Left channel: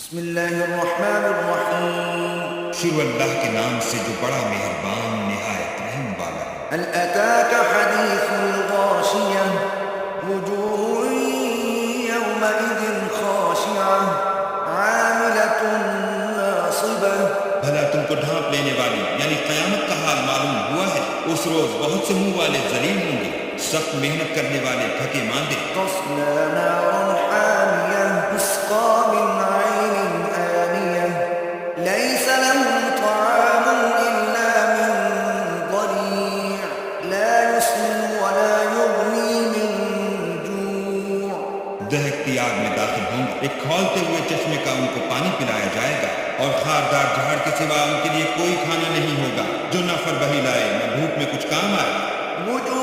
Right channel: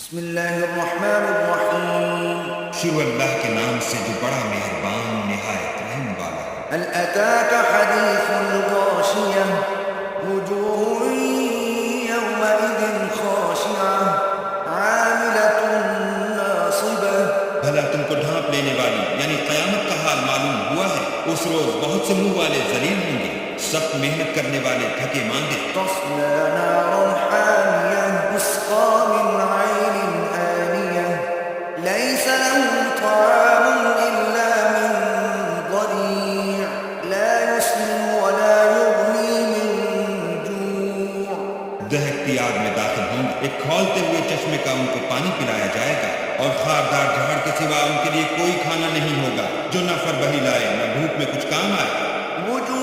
بسم اللہ الرحمن الرحیم شروع اللہ کے نام سے جو بڑا مہربان نہایت رحم والا ہے۔ هل أتاك حديث الغاشية وجوه يومئذ خاشعة عاملة ناصبة بھلا تم کو ڈھانپ لینے والی یعنی قیامت کا حال معلوم ہوا ہے؟ اس روز بہت سے منہ والے ذلیل ہوں گے، سخت محنت کرنے والے تھکے ماندے۔ تصلى نارا حامية تسقى من عين آنية ليس لهم طعام إلا من ضريع لا يسمن ولا يغني من جوع۔ دہکتی آگ میں داخل ہوں گے، ایک کھولتے ہوئے چشمے کا ان کو پانی پلایا جائے گا، اور خاردار جھاڑ کے سوا ان کے لیے کوئی کھانا نہیں ہوگا جو نہ فربہی لائے نہ بھوک میں کچھ کام آئے۔ وجوه